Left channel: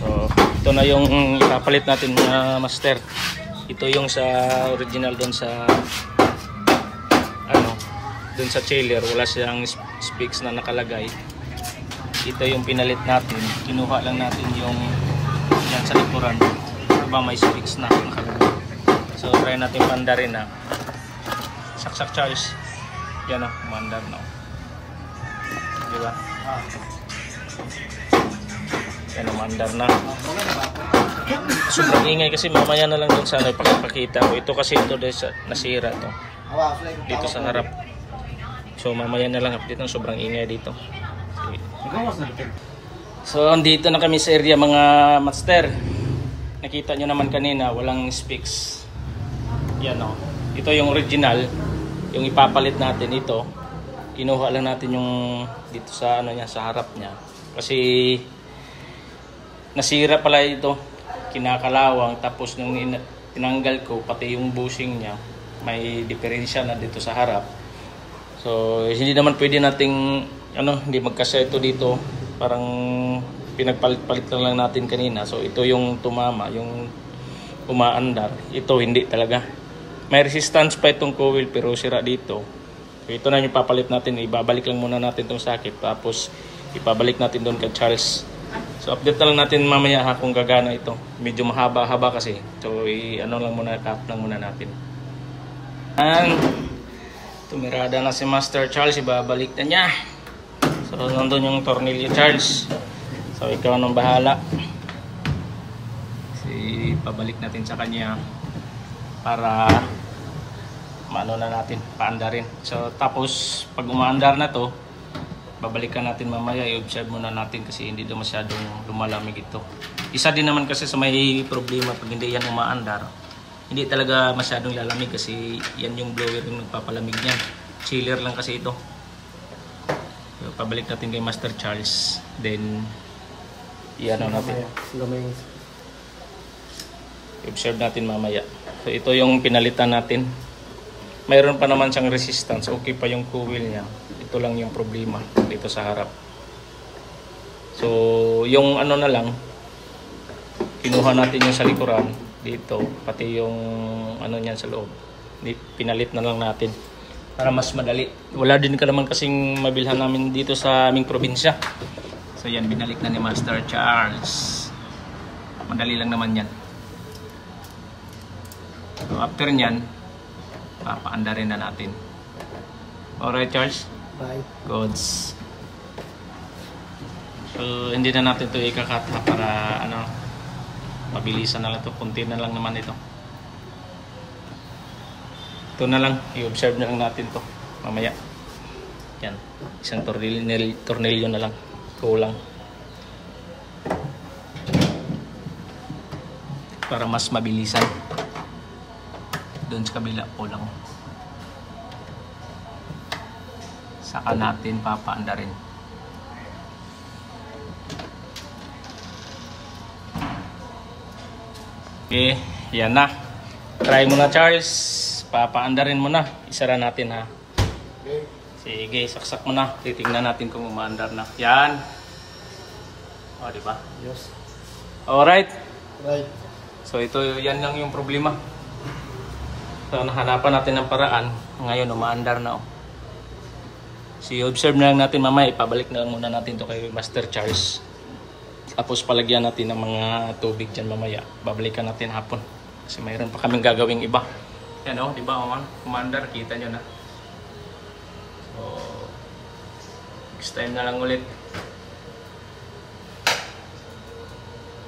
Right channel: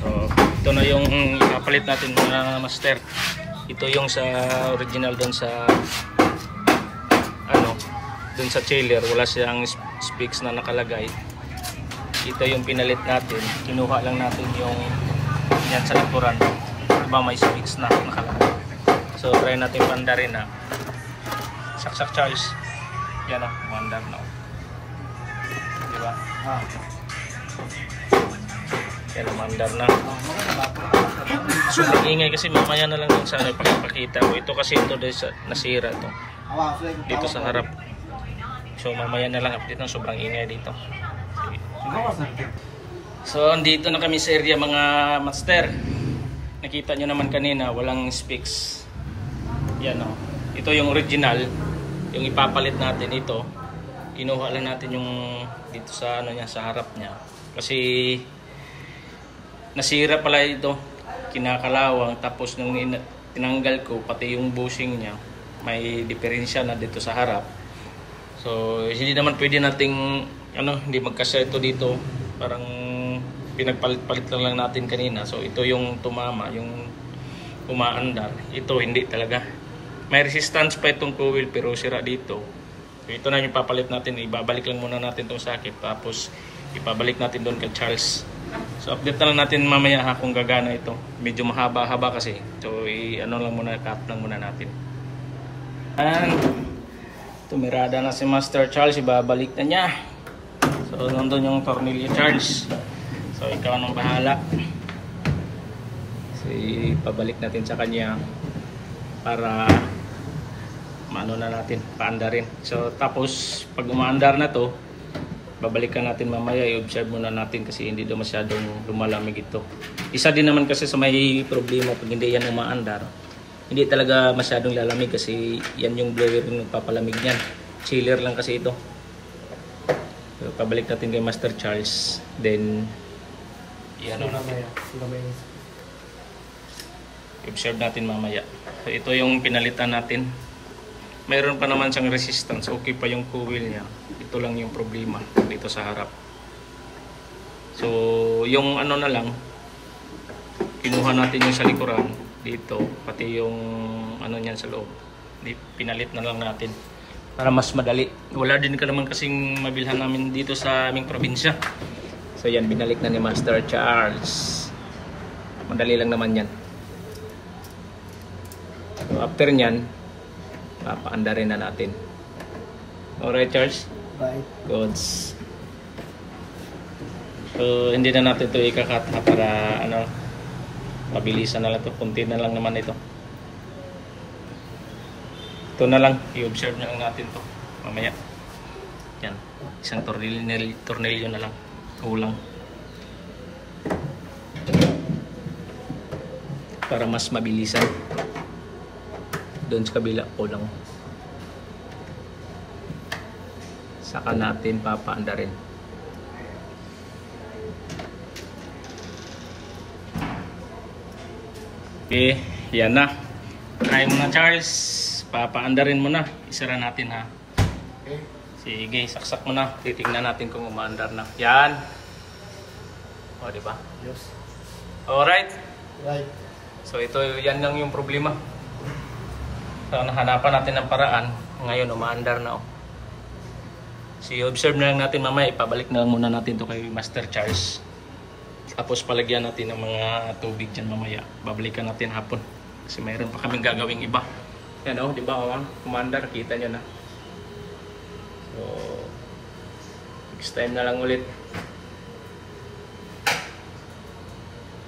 So, ito na yung ipapalit natin mga master. Ito yung sa original doon sa doon sa chiller, wala siyang specs na nakalagay. Ito yung pinalit natin. Kinuha lang natin yung yan sa likuran. Diba may specs na nakalagay. So try natin pandarin na. Saksak Charles. Yan o, mandar na. Diba? Yan o, mandar na. Sobrang ingay kasi mamaya na lang yun sa pagpakita ko. Ito kasi ito nasira to. Dito sa harap. So mamaya na lang update ng sobrang ingay dito. So andito na kami sa area mga master. Nakita nyo naman kanina walang specs. Yan o. Ito yung original. Yung ipapalit natin ito. Kinuha lang natin yung dito sa niya, sa harap niya. Kasi nasira pala ito. Kinakalawang. Tapos nung tinanggal ko pati yung bushing niya, may diferensya na dito sa harap. So hindi naman pwede nating hindi magkasya ito dito. Parang pinagpalit-palit lang natin kanina. So ito yung tumama, yung umaandar. Ito hindi talaga. May resistance pa itong coil pero sira dito. So ito na yung papalit natin. Ibabalik lang muna natin itong sakit. Tapos ipabalik natin doon kay Charles. So update na lang natin mamaya kung gagana ito. Medyo mahaba-haba kasi. So lang muna, cut lang muna natin. And tumirada na si Master Charles, ibabalik na niya. So nandun yung tornilyo Charles. So ikaw nang bahala. So ipabalik natin sa kanya para maano na natin, paandarin. So tapos pag umaandar na to, babalikan natin mamaya, i-observe muna natin kasi hindi daw masyadong lumalamig ito. Isa din naman kasi sa may problema pag hindi yan umaandar. Hindi talaga masyadong lalamig kasi yan yung blower yung nagpapalamig niyan. Chiller lang kasi ito. So, pabalik natin kay Master Charles. Then, i-ano natin. I-observe natin mamaya. So, ito yung pinalitan natin. Mayroon pa naman siyang resistance. Okay pa yung coil niya. Ito lang yung problema dito sa harap. So, yung na lang, kinuha natin yung sa likuran. Dito, pati yung niyan sa loob. Pinalit na lang natin para mas madali. Wala din ka naman kasing mabilhan namin dito sa aming probinsya. So yan, binalik na ni Master Charles. Madali lang naman yan. So after nyan, papaandarin na natin. Alright Charles? Bye. Goods. So hindi na natin ito ikakat para mabilisan na lang ito, kunti na lang naman ito. Ito na lang, i-observe na lang natin to mamaya. Yan, isang tornilyo na lang, kulang. Para mas mabilisan. Doon sa kabila, kulang. Saka natin papaandarin. Okay, yan na. Try mo na Charles. Papaandarin mo na. Isara natin ha. Okay. Sige, saksak mo na. Titingnan natin kung umaandar na. Yan. O, diba? Yes. Alright. Right. So ito, yan lang yung problema. So nahanapan natin ng paraan. Ngayon, umaandar na. So observe na lang natin mamaya. Ipabalik na lang muna natin to kay Master Charles. Tapos palagyan natin ng mga tubig dyan mamaya. Babalikan natin hapon. Kasi mayroon pa kaming gagawing iba. Yan o, diba kumandar, kita nyo na. So, next time na lang ulit.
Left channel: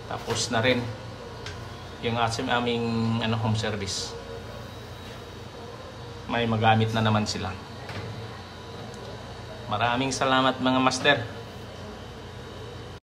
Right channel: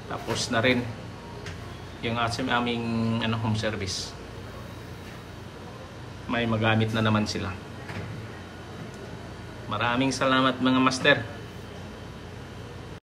Tapos na rin yung aming home service. May magamit na naman sila. Maraming salamat mga master.